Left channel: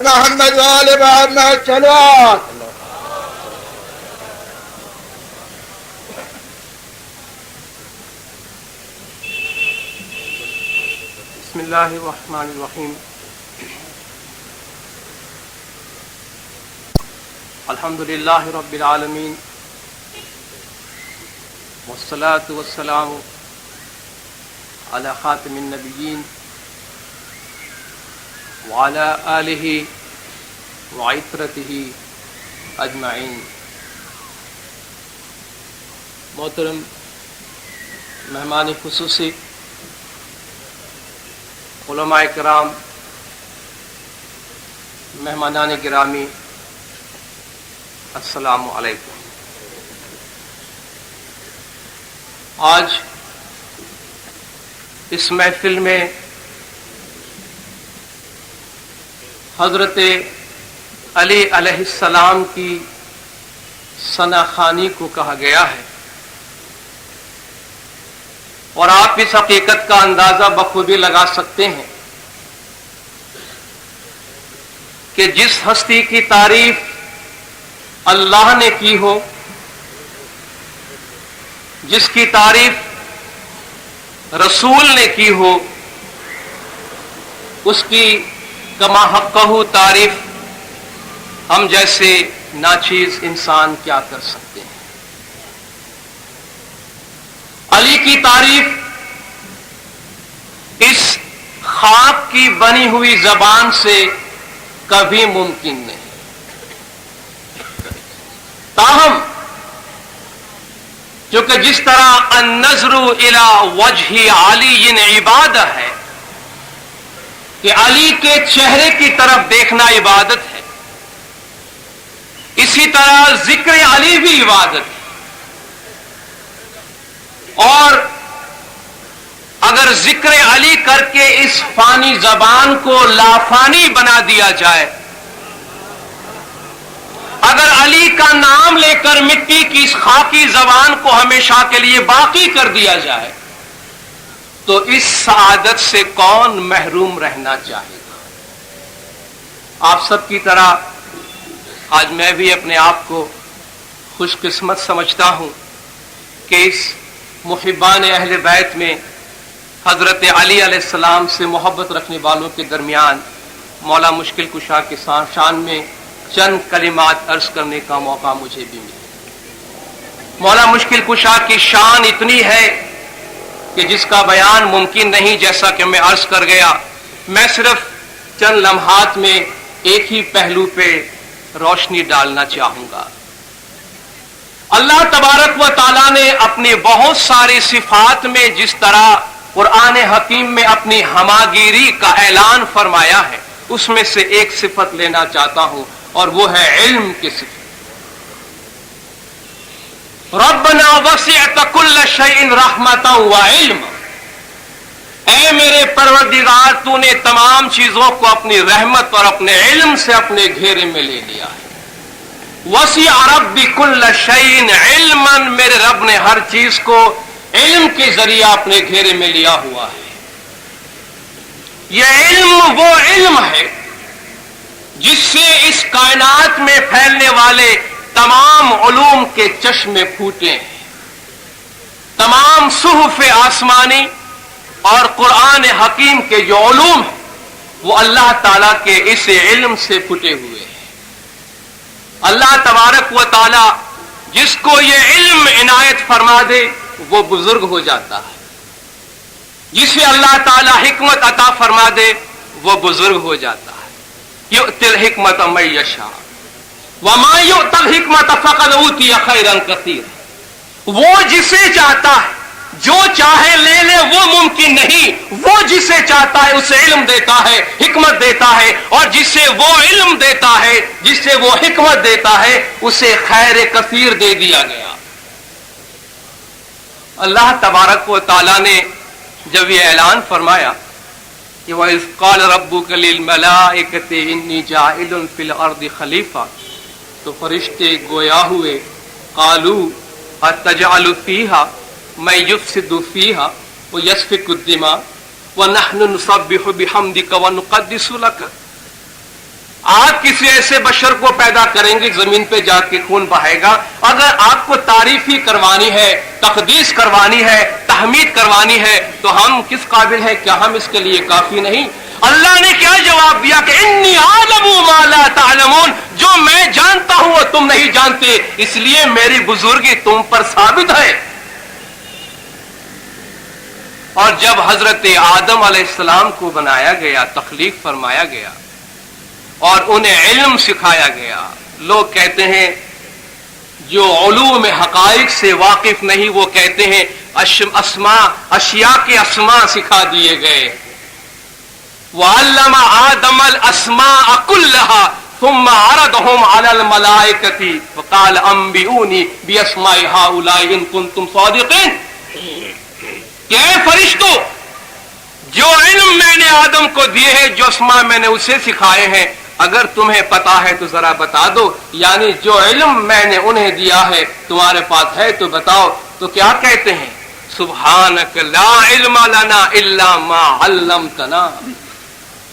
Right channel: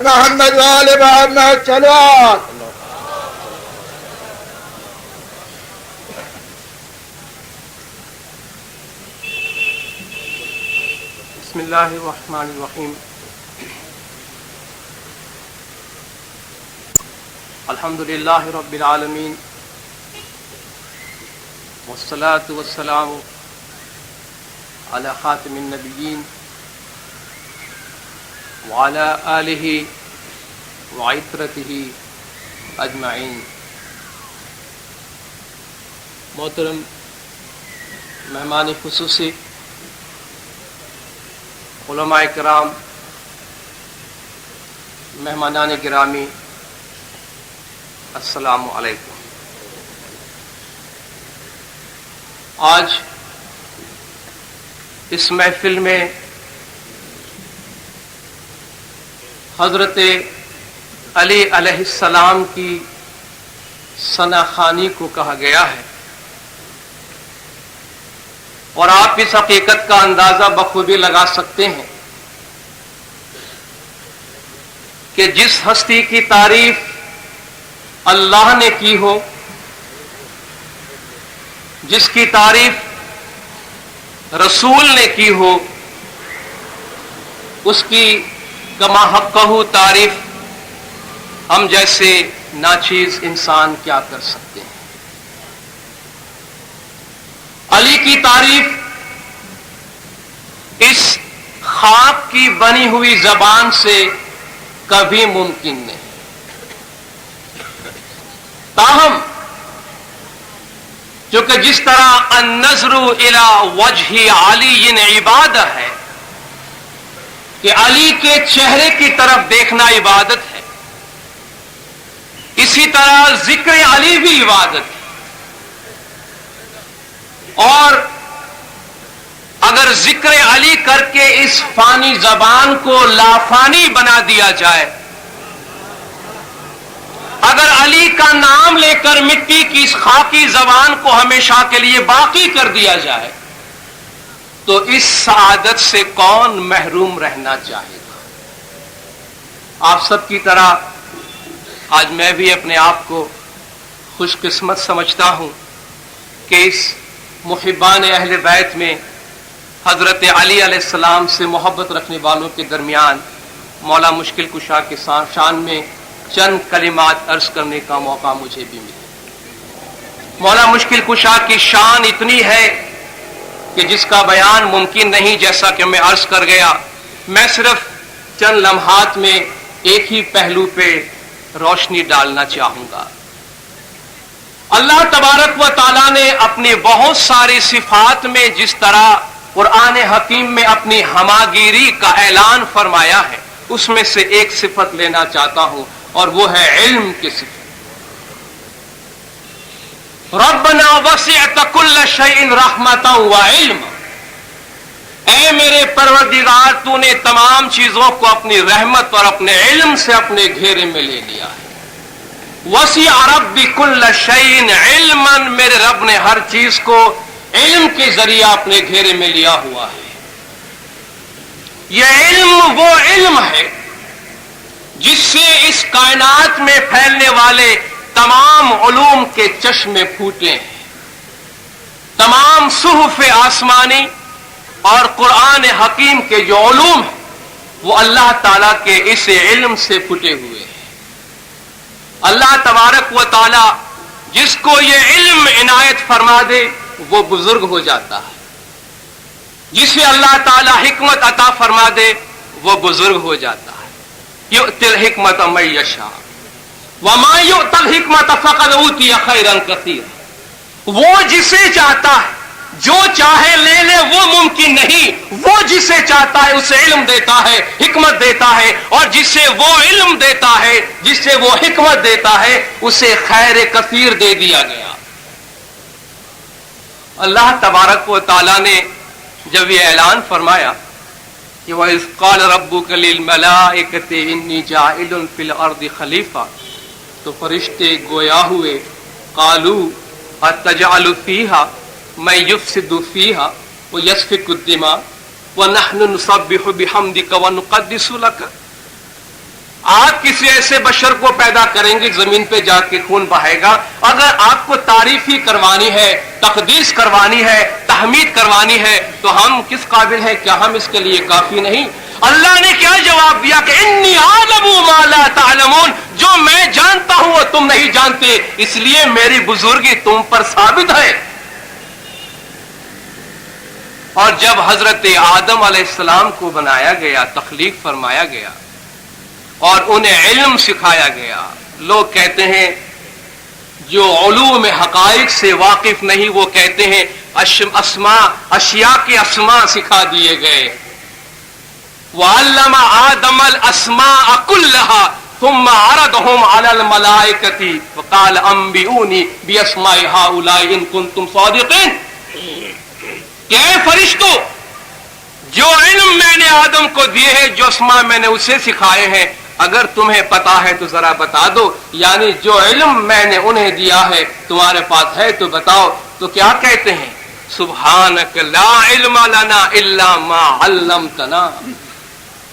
محمد وآل محمد صلوات. بسم اللہ الرحمن الرحیم. الحمد للہ رب العالمین والصلاة والسلام علی خاتم النبیین وعلی آلہ وعطرتہ اجمعین. محترم مہمان خصوصی، علماء کرام، مہمانان گرامی، السلام علیکم. آج اس محفل میں حضرت علی علیہ السلام کی ثنا خوانی کو کہا گیا ہے، اور آپ اس حقیقت کا اندازہ بخوبی لگا سکتے ہیں کہ جس ہستی کی تعریف اللہ نے کی ہو، جس کی تعریف رسول نے کی ہو، اس کی کما حقہ تعریف ہم جیسے ناچیز انسان کیا کر سکتے ہیں. علی کی تعریف اس خاک کی بنی ہوئی زبان سے کبھی ممکن نہیں. تاہم کیونکہ جس طرح النظر الی وجہ علی عبادہ ہے کہ علی کے چہرے کی طرف دیکھنا عبادت ہے، اسی طرح ذکر علی بھی عبادت ہے. اور اگر ذکر علی کر کے اس فانی زبان کو لافانی بنا دیا جائے، اگر علی کا نام لے کر مٹی کی اس خاکی زبان کو ہمیشہ کے لیے باقی کر دیا جائے، تو اس سعادت سے کون محروم رہنا چاہے گا؟ آپ سب کی طرح آج میں بھی اپنے آپ کو خوش قسمت سمجھتا ہوں کہ اس محبان اہل بیت میں حضرت علی علیہ السلام سے محبت رکھنے والوں کے درمیان مولا مشکل کشا کے شان میں چند کلمات عرض کرنے کا موقع مجھے بھی ملا. مولا مشکل کشا کی شان اتنی ہے کہ جس کا بیان ممکن نہیں. جیسا کہ میں عرض کر گیا، میں صرف چند لمحات میں ایک ہی پہلو پہ روشنی ڈالنا چاہوں گا. اللہ تبارک و تعالیٰ نے اپنی بہت ساری صفات میں جس طرح قرآن حکیم میں اپنی ہماگیری کا اعلان فرمایا ہے، اس میں سے ایک صفت لینا چاہتا ہوں، اور وہ ہے علم کی صفت. ربنا وسعت كل شيء رحمتا وعلم. اے میرے پروردگار، تو نے تمام چیزوں کو اپنی رحمت اور اپنے علم سے اپنے گھیرے میں لے لیا ہے. وسع ربی كل شيء علما. میرے رب نے ہر چیز کو علم کے ذریعہ اپنے گھیرے میں لیا ہوا ہے. یہ علم وہ علم ہے جس سے اس کائنات میں پھیلنے والے تمام علوم کے چشمے پھوٹے ہیں. تمام صحف آسمانی اور قرآن حکیم کے جو علوم ہیں وہ اللہ تعالیٰ کے اس علم سے پھوٹے ہوئے ہیں. اللہ تبارک و تعالیٰ جس کو یہ علم عنایت فرما دے وہ بزرگ ہو جاتا ہے، جسے اللہ تعالیٰ حکمت عطا فرما دے وہ بزرگ ہو جاتا ہے. یؤتی الحکمت من یشاء وما یؤتی الحکمت فقد اوتی خیرا کثیرا. وہ جسے چاہتا ہے جو چاہے لے لے، وہ ممکن نہیں. وہ جسے چاہتا ہے اسے علم دیتا ہے، حکمت دیتا ہے، اور جسے وہ علم دیتا ہے، جسے وہ حکمت دیتا ہے، اسے خیر کثیر دے دیا گیا. اللہ تبارک و تعالیٰ نے جب یہ اعلان فرمایا کہ وَإِذْ قَالَ رَبُّكَ لِلْمَلَائِكَةِ إِنِّي جَاعِلٌ فِي الْأَرْضِ خَلِيفَةً، تو فرشتے گویا ہوئے قَالُوا أَتَجْعَلُ فِيهَا مَن يُفْسِدُ فِيهَا وَيَسْفِكُ الدِّمَاءَ وَنَحْنُ نُسَبِّحُ بِحَمْدِكَ وَنُقَدِّسُ لَكَ. آپ کسی ایسے بشر کو پیدا کریں گے زمین پہ جا کے خون بہائے گا. اگر آپ کو تعریف ہی کروانی ہے, تقدیس کروانی ہے, تحمید کروانی ہے, تو ہم کس قابل ہیں؟ کیا ہم اس کے لیے کافی نہیں؟ اللہ نے کیا جواب دیا کہ انی اعلم ما لا تعلمون, جو میں جانتا ہوں وہ تم نہیں جانتے, اس لیے میری بزرگی تم پر ثابت ہے. اور جب حضرت آدم علیہ السلام کو بنایا گیا, تخلیق فرمایا گیا اور انہیں علم سکھایا گیا, لوگ کہتے ہیں جو علوم حقائق سے واقف نہیں وہ کہتے ہیں اشیاء کے اسماء سکھا دیے گئے. وَعَلَّمَ آدَمَ الْأَسْمَاءَ كُلَّهَا ثُمَّ عَرَضَهُمْ عَلَى الْمَلَائِكَةِ وَقَالَ أَنبِئُونِي بِأَسْمَاءِ هَؤُلَاءِ إِن كُنتُمْ صَادِقِينَ. کہ اے فرشتوں, جو علم میں نے آدم کو دیے ہیں, جو اسماء میں نے اسے سکھائے ہیں, اگر تمہیں پتا ہے تو ذرا بتا دو. یعنی جو علم میں نے انہیں دیا ہے تمہارے پاس ہے تو بتاؤ. تو کیا کہتے ہیں؟ سبحانک لا علم لنا الا ما علمتنا.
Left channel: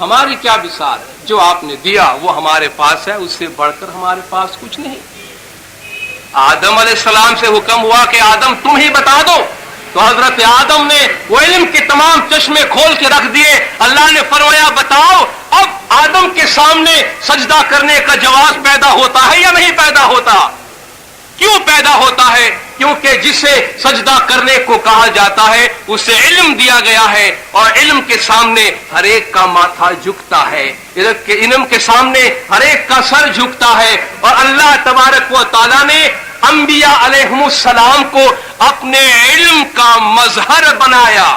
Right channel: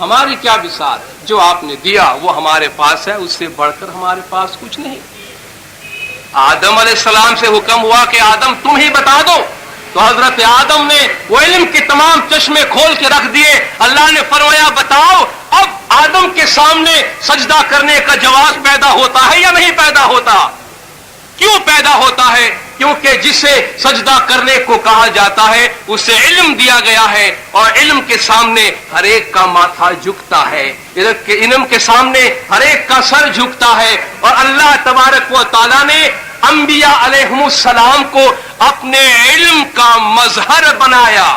ہماری کیا بسار ہے, جو آپ نے دیا وہ ہمارے پاس ہے, اس سے بڑھ کر ہمارے پاس کچھ نہیں. آدم علیہ السلام سے حکم ہوا کہ آدم تم ہی بتا دو, تو حضرت آدم نے وہ علم کے تمام چشمے کھول کے رکھ دیے. اللہ نے فرمایا بتاؤ. اب آدم کے سامنے سجدہ کرنے کا جواز پیدا ہوتا ہے یا نہیں پیدا ہوتا؟ کیوں پیدا ہوتا ہے؟ کیونکہ جسے سجدہ کرنے کو کہا جاتا ہے اسے علم دیا گیا ہے, اور علم کے سامنے ہر ایک کا ماتھا جھکتا ہے, علم کے سامنے ہر ایک کا سر جھکتا ہے. اور اللہ تبارک و تعالیٰ نے انبیاء علیہم السلام کو اپنے علم کا مظہر بنایا.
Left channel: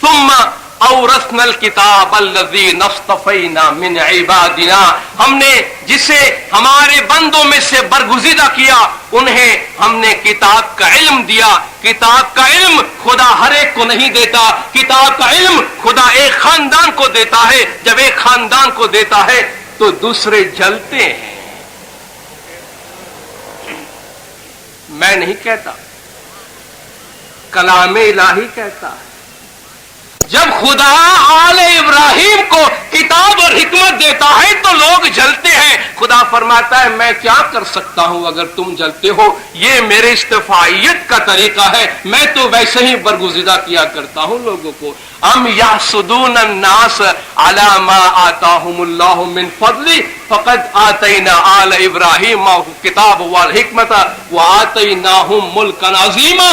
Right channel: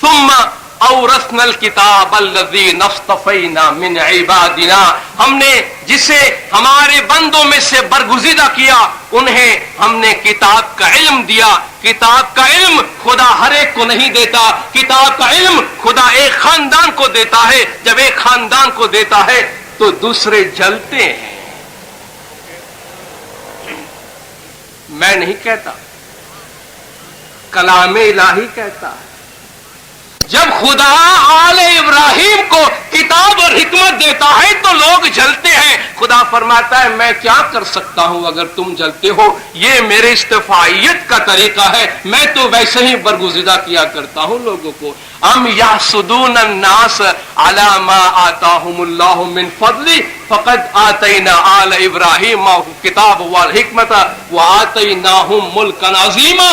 ثم اورثنا الکتاب الذی اصطفینا من عبادنا, ہم نے جسے ہمارے بندوں میں سے برگزیدہ کیا انہیں ہم نے کتاب کا علم دیا. کتاب کا علم خدا ہر ایک کو نہیں دیتا, کتاب کا علم خدا ایک خاندان کو دیتا ہے. جب ایک خاندان کو دیتا ہے تو دوسرے جلتے ہیں. میں نہیں کہتا, کلام الہی کہتا ہے. جب خدا آل ابراہیم کو کتاب اور حکمت دیتا ہے تو لوگ جلتے ہیں. خدا فرماتا ہے میں کیا کر سکتا ہوں اگر تم جلتے ہو, یہ میرے استفائیت کا طریقہ ہے, میں تو ویسے ہی برگزیدہ کیا کرتا ہوں لوگوں کو. ام یحسدون الناس علی ما آتاہم اللہ من فضل فقد آتینا آل ابراہیم الکتاب والحکمت وآتیناہم ملکا عظیما.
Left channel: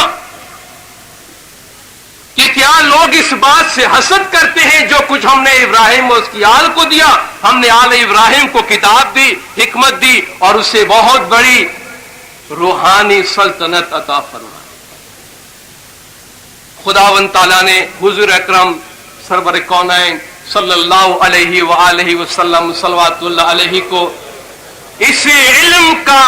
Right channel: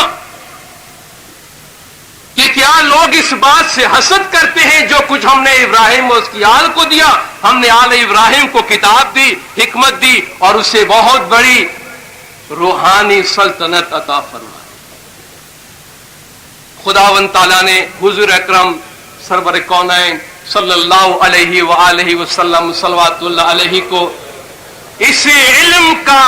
کہ کیا لوگ اس بات سے حسد کرتے ہیں جو کچھ ہم نے ابراہیم اور اس کی آل کو دیا؟ ہم نے آل ابراہیم کو کتاب دی, حکمت دی, اور اسے بہت بڑی روحانی سلطنت عطا فرمائی. خداوند تعالیٰ نے حضور اکرم سرور کونین صلی اللہ علیہ وآلہ وسلم صلوات اللہ علیہ کو اس علم کا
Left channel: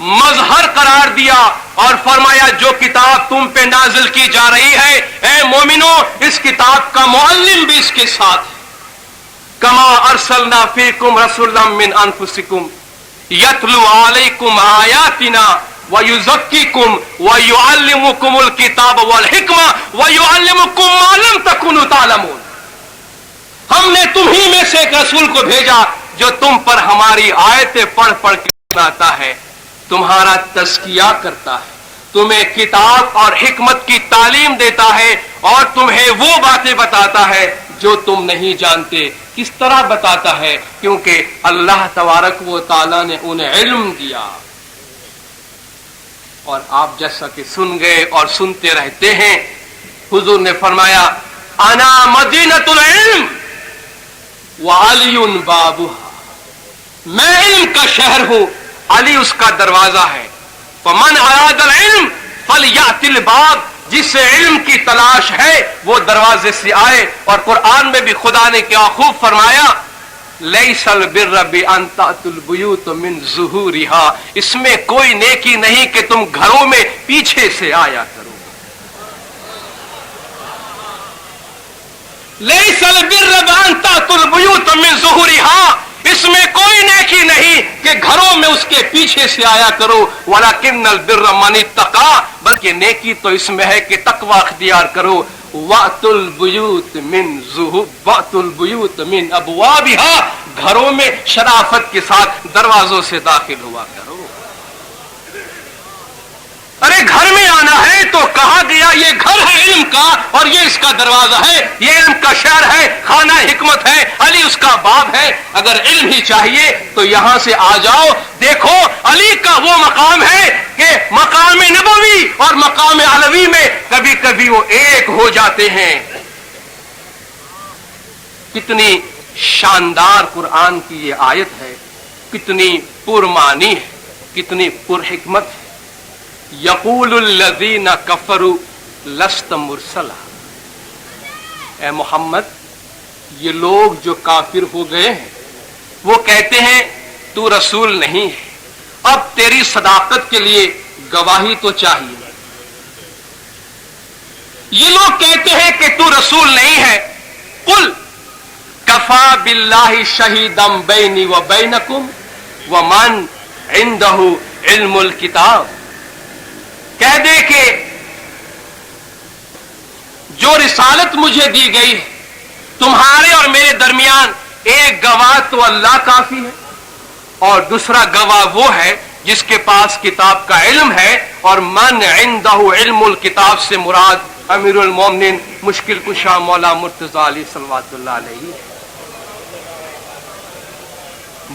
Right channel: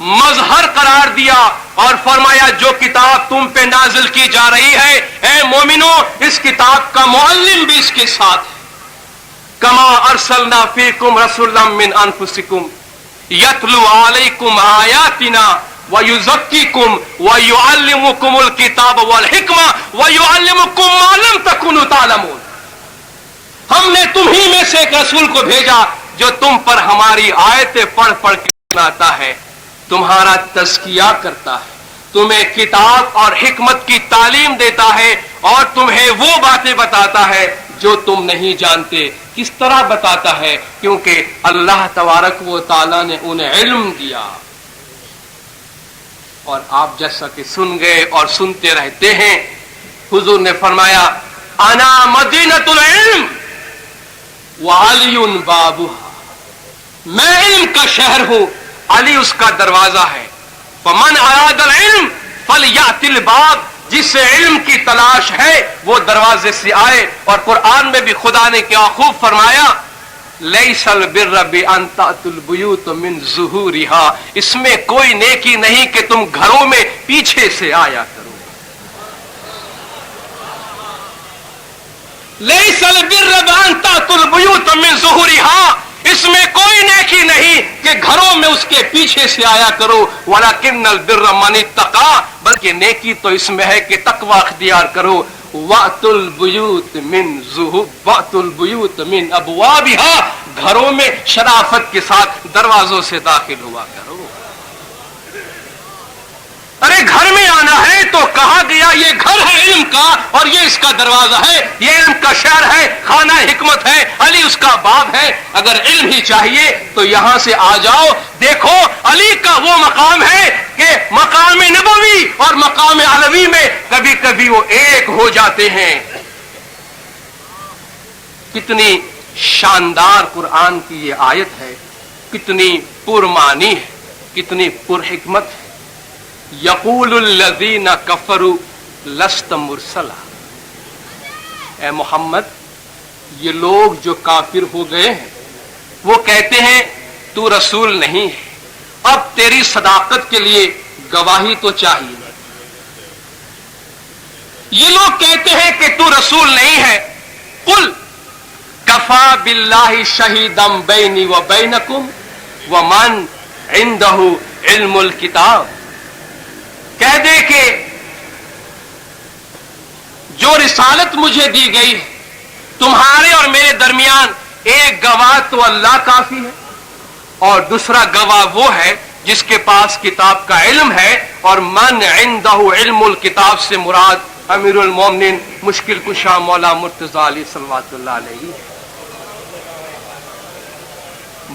مظہر قرار دیا اور فرمایا جو کتاب تم پہ نازل کی جا رہی ہے اے مومنو, اس کتاب کا معلم بھی اس کے ساتھ ہے. کما ارسلنا فیکم رسولا من انفسکم یتلو علیکم آیاتنا ویزکیکم ویعلمکم الکتاب والحکمہ ویعلمکم ما لم تکونوا تعلمون. ہم نے تمہیں میں سے ایک رسول کو بھیجا جو تم پر ہماری آیتیں پڑھ پڑھ کے سناتا ہے, تمہارا تزکیہ کرتا ہے, تمہیں کتاب اور حکمت کی تعلیم دیتا ہے, اور تمہیں وہ باتیں بتاتا ہے جو تم نہیں جانتے. کس طرح بتاتا ہے؟ کیونکہ اللہ تبارک و تعالیٰ نے انہیں علم دیا. اور آپ جیسا کہ سن گئے اور سنتے رہتے ہیں, حضور نے فرمایا انا مدینۃ العلم وعلی بابها, میں علم کا شہر ہوں, علی اس کا دروازہ ہے. فمن اراد العلم فلیأت الباب, جسے علم کی تلاش ہے وہ دروازے سے آئے. اور قرآن میں بھی خدا نے کیا خوب فرمایا, لیس البر بان تأتوا البیوت من ظہورها, اس میں کوئی نیکی نہیں کہ تم گھروں میں پیچھے سے آیا کرو. لیس البر بان تأتوا البیوت من ظہورها, اس میں کوئی نیکی نہیں کہ گھروں میں اس کے پیچھے سے آیا کرو. وَلَكِنَّ الْبِرَّ مَنِ اتَّقَىٰ, بلکہ نیکی تو اس میں ہے کہ تقوی اختیار کرو. وَأْتُوا الْبُيُوتَ مِنْ أَبْوَابِهَا، گھروں میں شرافت کے ساتھ دروازوں سے داخل ہوا کرو۔ ارے گھر میں آنا ہے تو کہا گیا یہ گھر ہے علم کا اور یہ اس کا دروازہ ہے، یہ علم کا شہر ہے، خانہ حکمت ہے، علی اس کا باب ہے۔ اگر علم ہی چاہیے تو یہاں سے آ جاؤ۔ دیکھو علی کا وہ مقام ہے کہ مقام نبوی اور مقام علوی میں کبھی کبھی وہ ایک ہو جاتے ہیں۔ کتنی شاندار قرآن کی یہ آیت ہے، کتنی پرمعنی ہے، کتنی پرحکمت ہے۔ یقول الذین کفروا لست مرسلا، اے محمد یہ لوگ جو کافر ہو گئے ہیں وہ کہتے ہیں تو رسول نہیں ہے، اب تیری صداقت کے لیے گواہی تو چاہیے۔ یہ لوگ کہتے ہیں کہ تو رسول نہیں ہے، قل کفا باللہ شہیدا بینی و بینکم ومن عندہ علم الکتاب، کہہ دے کہ جو رسالت مجھے دی گئی ہے تمہارے اور میرے درمیان ایک گواہ تو اللہ کافی ہے، اور دوسرا گواہ وہ ہے جس کے پاس کتاب کا علم ہے، اور من عندہ علم الکتاب سے مراد امیر المومنین مشکل کشا مولا مرتضی علی صلوات اللہ علیہ ہے۔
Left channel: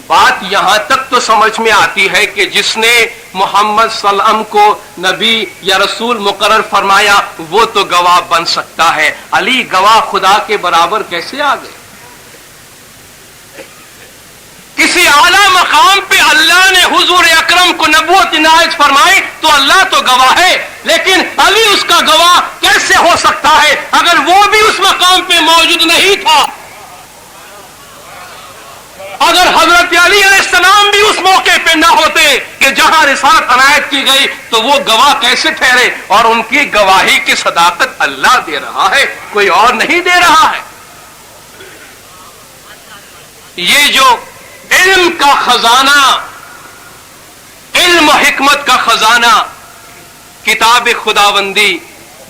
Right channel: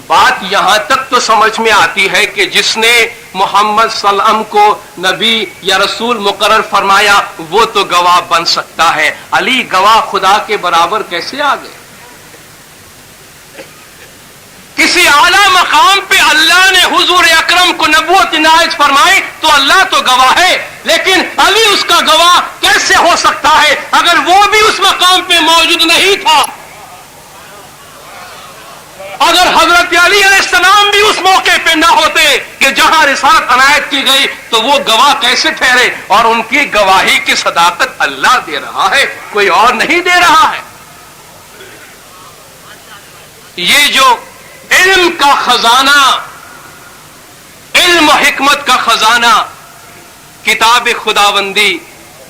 بات یہاں تک تو سمجھ میں آتی ہے کہ جس نے محمد صلی اللہ علیہ وسلم کو نبی یا رسول مقرر فرمایا وہ تو گواہ بن سکتا ہے، علی گواہ خدا کے برابر کیسے آ گئے؟ کسی اعلیٰ مقام پہ اللہ نے حضور اکرم کو نبوت عنایت فرمائی تو اللہ تو گواہ ہے، لیکن علی اس کا گواہ کیسے ہو سکتا ہے اگر وہ بھی اس مقام پہ موجود نہیں تھا؟ اگر حضرت علی علیہ السلام بھی اس موقع پہ نہ ہوتے کہ جہاں رسالت عنایت کی گئی تو وہ گواہ کیسے ٹھہرے؟ اور ان کی گواہی کی صداقت اللہ دے رہا ہے، کوئی اور نہیں دے رہا ہے۔ یہ جو علم کا خزانہ، علم و حکمت کا خزانہ، کتاب خداوندی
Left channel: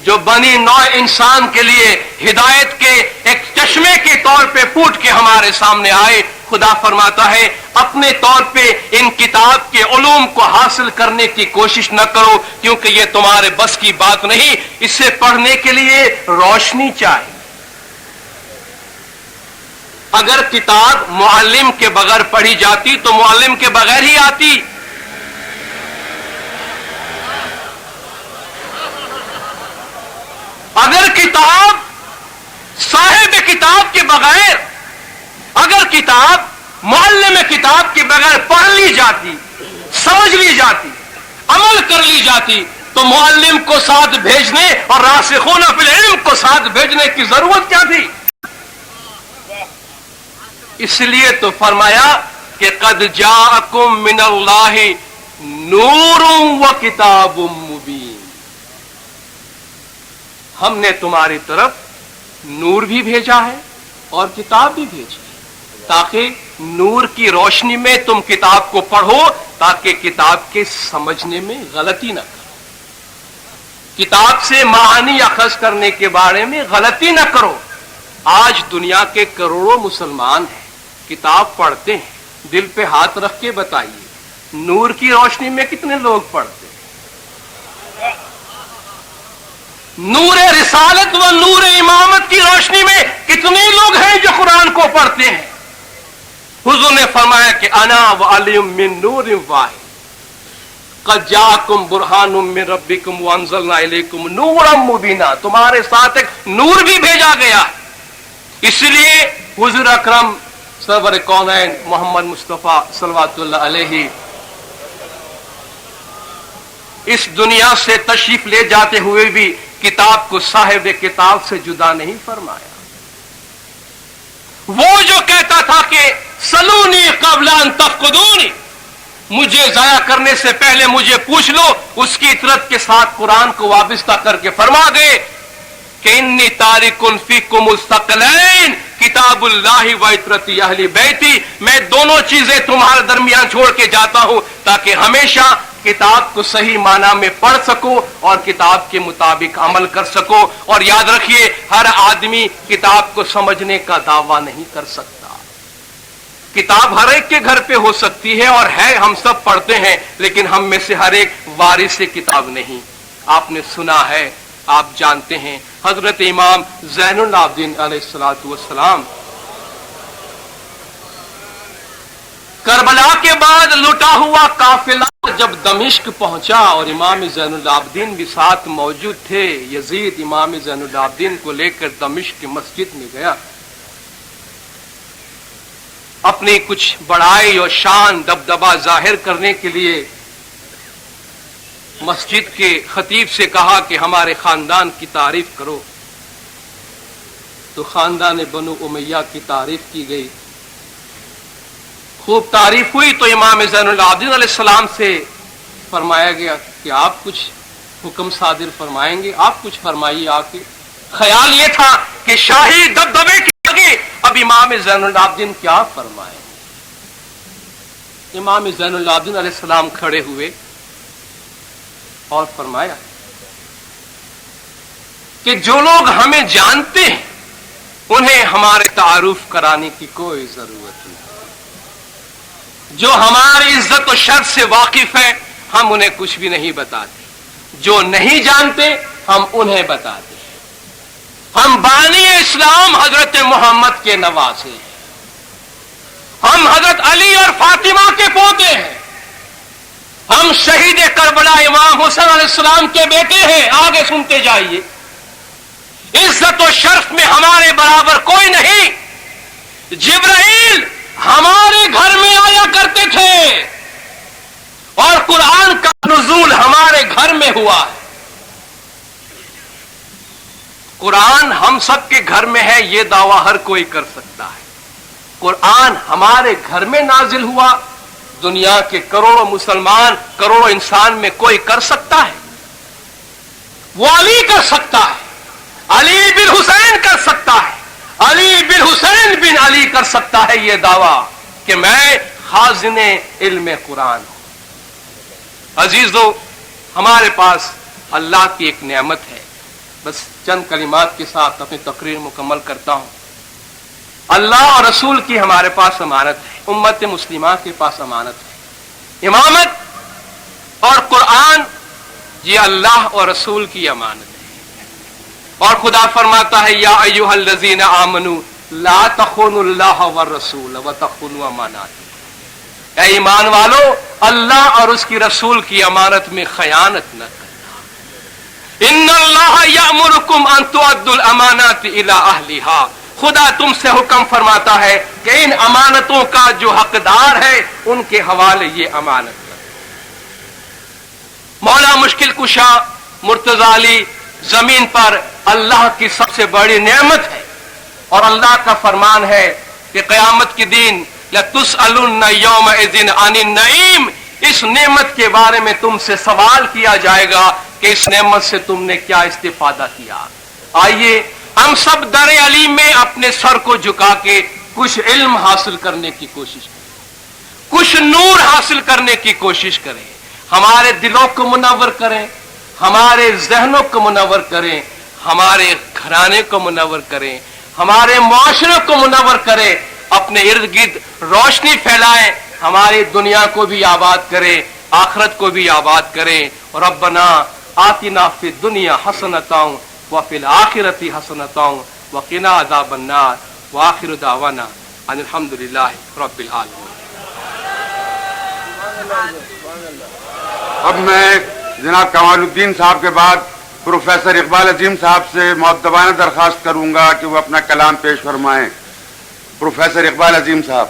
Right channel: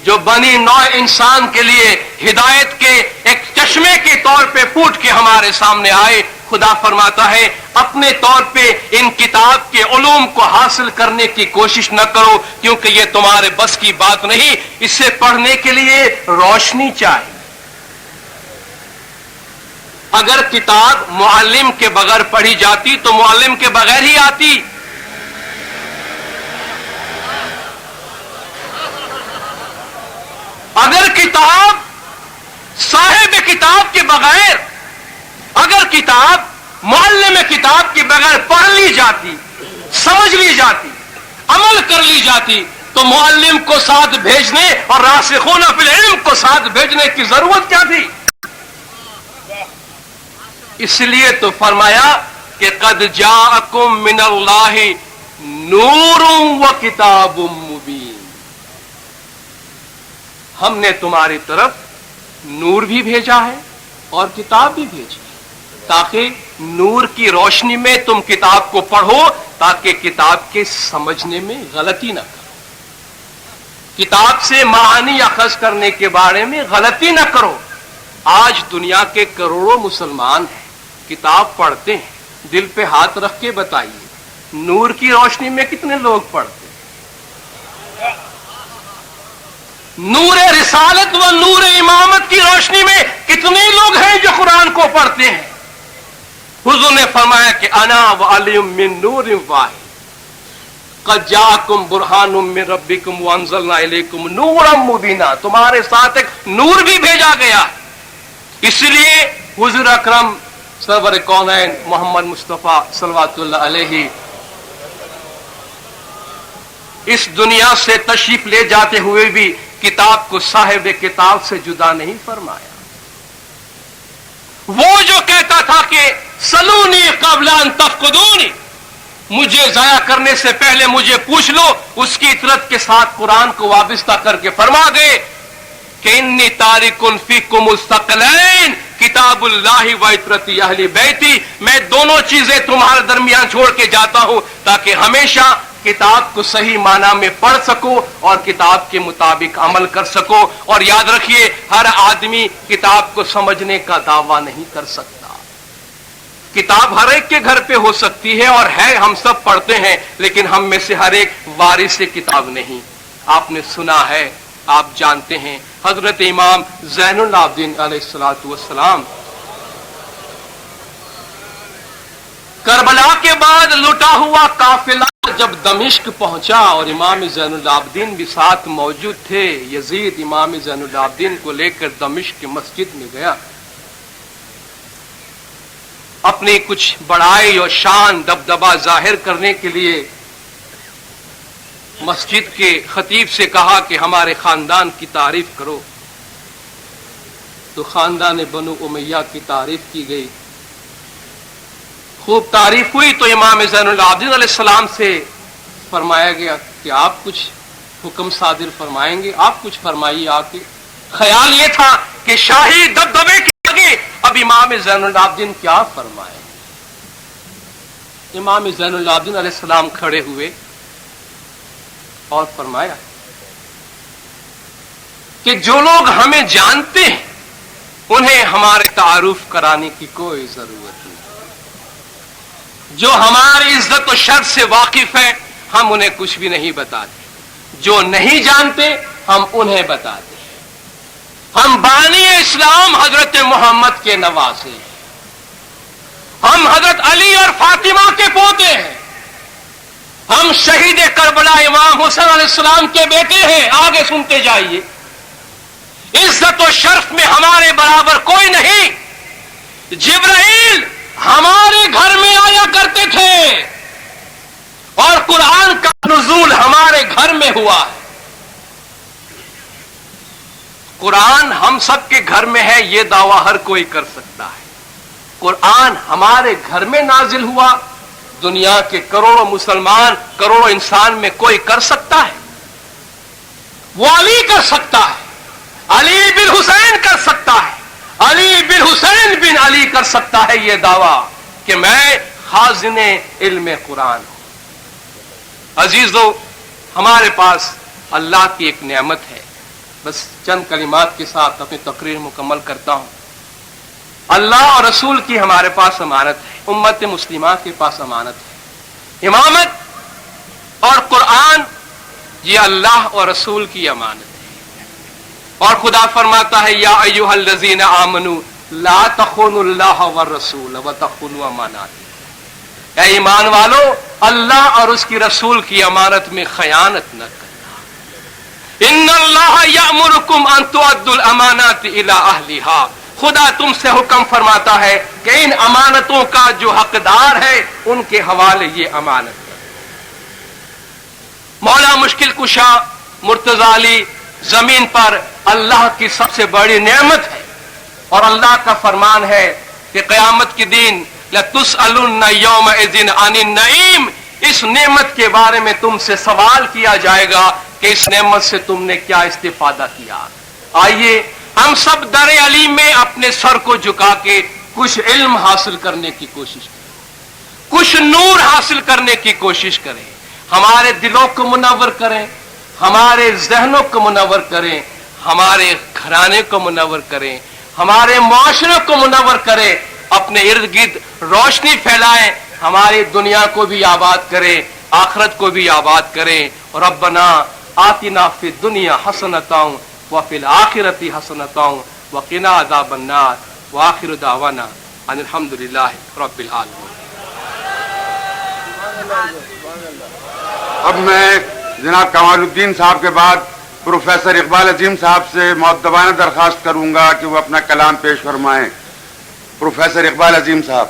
جو بنی نوع انسان کے لیے ہدایت کے ایک چشمے کے طور پہ پھوٹ کے ہمارے سامنے آئے، خدا فرماتا ہے اپنے طور پہ ان کتاب کے علوم کو حاصل کرنے کی کوشش نہ کرو، کیونکہ یہ تمہارے بس کی بات نہیں، اسے پڑھنے کے لیے روشنی چاہیے۔ اگر کتاب معلم کے بغیر پڑھی جاتی تو معلم کے بغیر ہی آتی۔ اگر کتاب صاحب کتاب کے بغیر، اگر کتاب معلم کتاب کے بغیر پڑھ لی جاتی، سمجھ لی جاتی، عمل کر لی جاتی تو معلم کو ساتھ بھیجنے اور راسخون فی العلم کو ساتھ بھیجنے کی ضرورت کیا تھی؟ اس لیے تو فرمایا کہ قد جاءکم من اللہ نور و کتاب مبین، ہم نے تمہاری طرف نور بھی بھیجا ہے اور کتاب بھی بھیجی تاکہ نور کی روشنی میں تم کتاب کو پڑھو، تاکہ کتاب کے سمجھنے میں غلطی نہ کرو، کتاب سے معانی اخذ کرنے کے بارے میں غلطی نہ کرو۔ آج دنیا کے کروڑوں مسلمان ہیں، کتاب پڑھتے ہیں، دل پہ ہاتھ رکھ کے بتائیے نور کی روشنی میں کتنے لوگ پڑھتے ہیں؟ نور رسالت و نور امامت کی روشنی میں کتنے لوگ ہیں جو قرآن کو پڑھتے ہیں؟ حضور نے فرمایا کہ انا وعلی من نور واحد قد جاءکم برہان من ربکم وانزلنا الیکم نورا مبینا، تمہارے ساتھ ایک نور بھی بھیجا گیا۔ اس لیے حضور اکرم سرور کونین محمد مصطفیٰ صلوات اللہ علیہ اس دنیا سے تشریف لے جاتے ہوئے بھی کتاب کو صاحب کتاب سے جدا نہیں فرمایا۔ وہ جو کہتا تھا کہ سلونی قبل ان تفقدونی، مجھے ضائع کرنے سے پہلے مجھے پوچھ لو، اس کی اطرت کے ساتھ قرآن کو وابستہ کر کے فرما گئے کہ انی تارک فیکم الثقلین کتاب اللہ و عطرت اہل بیتی، میں دونوں چیزیں تمہارے درمیان چھوڑ کے جاتا ہوں تاکہ ہمیشہ کتاب کو صحیح معنی میں پڑھ سکو اور کتاب کے مطابق عمل کر سکو. اور یاد رکھیے ہر آدمی کتاب کو سمجھنے کا دعویٰ نہیں کر سکتا. کتاب ہر ایک کے گھر پہ ہو سکتی ہے اور ہے، ہم سب پڑھتے ہیں، لیکن ہم میں سے ہر ایک وارث کتاب نہیں. آپ نے سنا ہے، آپ جانتے ہیں، حضرت امام زین العابدین علیہ الصلوۃ والسلام کربلا کے بعد لٹا ہوا قافلہ جب دمشق پہنچا اور امام زین العابدین بھی ساتھ موجود تھے، یزید امام زین العابدین کو لے کر دمشق کی مسجد میں گیا. اپنی کچھ بڑائی اور شان دبدبا ظاہر کرنے کے لیے مسجد کے خطیب سے کہا کہ ہمارے خاندان کی تعریف کرو. تو خاندان بنو امیہ کی تعریف کی گئی. خوب تعریف ہوئی تو امام زین العابدین علیہ السلام سے فرمایا گیا کہ آپ کچھ حکم صادر فرمائیں گے، آپ کچھ فرمائیے. آپ کے خیال یہ تھا کہ شاہی دبدبے کے آگے اب امام زین العابدین کیا فرمائے. امام زین العابدین علیہ السلام کھڑے ہوئے اور فرمایا کہ جو لوگ ہمیں جانتے ہیں انہیں ہمارے تعارف کرانے کی کوئی ضرورت نہیں. جو ہماری عزت و شرف سے واقف ہے ہم انہیں کچھ بھی نہیں بتاتے. جو نہیں جانتے ہم انہیں بتاتے. ہم بانی اسلام حضرت محمد کے نواسے ہیں. ہم حضرت علی اور فاطمہ کے پوتے ہیں. ہم شہید کربلا امام حسین علیہ السلام کے بیٹے ہیں. آگے سنتے جائیے. عزت و شرف میں ہمارے برابر کوئی نہیں. جبرائیل ہمارے گھر میں آیا کرتے تھے اور قرآن کا نزول ہمارے گھر میں ہوا ہے. قرآن ہم سب کے گھر میں ہے، یہ دعویٰ ہر کوئی کر سکتا ہے. قرآن ہمارے گھر میں نازل ہوا، دنیا کے کروڑوں مسلمان، کروڑوں انسان میں کوئی کر سکتا ہے؟ وہ علی کر سکتا ہے، علی بن حسین کر سکتا ہے، علی بن حسین بن علی کر سکتا ہے یہ دعویٰ کہ میں خازن علم قرآن. عزیزو، ہمارے پاس اللہ کی ایک نعمت ہے. بس چند کلمات کے ساتھ اپنی تقریر مکمل کرتا ہوں. اللہ اور رسول کی ہمارے پاس امانت ہے، امت مسلمہ کے پاس امانت ہے. امامت اور قرآن یہ اللہ اور رسول کی امانت ہے. اور خدا فرماتا ہے یا ایھا الذین آمنوا لا تخونوا اللہ والرسول وتخونوا امانات. اے ایمان والو، اللہ اور اس کی رسول کی امانت میں خیانت نہ کرنا. ان اللہ یأمرکم ان تؤدوا الامانات الی اہلھا. خدا تم سے حکم فرماتا ہے کہ ان امانتوں کا جو حقدار ہے ان کے حوالے یہ امانت ہے. مولا مشکل کشا مرتضی علی زمین پر اللہ کی سب سے بڑی نعمت ہے اور اللہ کا فرمان ہے کہ قیامت کے دن لَتُسْأَلُنَّ يَوْمَئِذٍ عَنِ النَّعِيمِ. اس نعمت کے بارے میں تم سے سوال کیا جائے گا کہ اس نعمت سے تم نے کیا استفادہ کیا. آئیے ہم سب در علیم میں اپنے سر کو جھکا کے کچھ علم حاصل کرنے کی کوشش کریں، کچھ نور حاصل کرنے کی کوشش کریں. ہمارے دلوں کو منور کریں، ہمارے ذہنوں کو منور کریں، ہمارے گھرانے کو منور کریں، ہمارے معاشرے کو منور کریں، اپنے ارد گرد روشنی پھیلائیں، ہماری دنیا کو بھی آباد کریں، آخرت کو بھی آباد کریں. ربنا آتنا فی الدنیا حسنۃ وفی الآخرۃ حسنۃ وقنا عذاب النار وآخر دعوانا ان الحمد للہ رب العالمین. اب میں جناب کمال الدین صاحب کے بعد پروفیسر اقبال عظیم صاحب سے مؤدبانہ درخواست کروں گا کہ وہ اپنا کلام پیش فرمائیں. پروفیسر اقبال عظیم صاحب.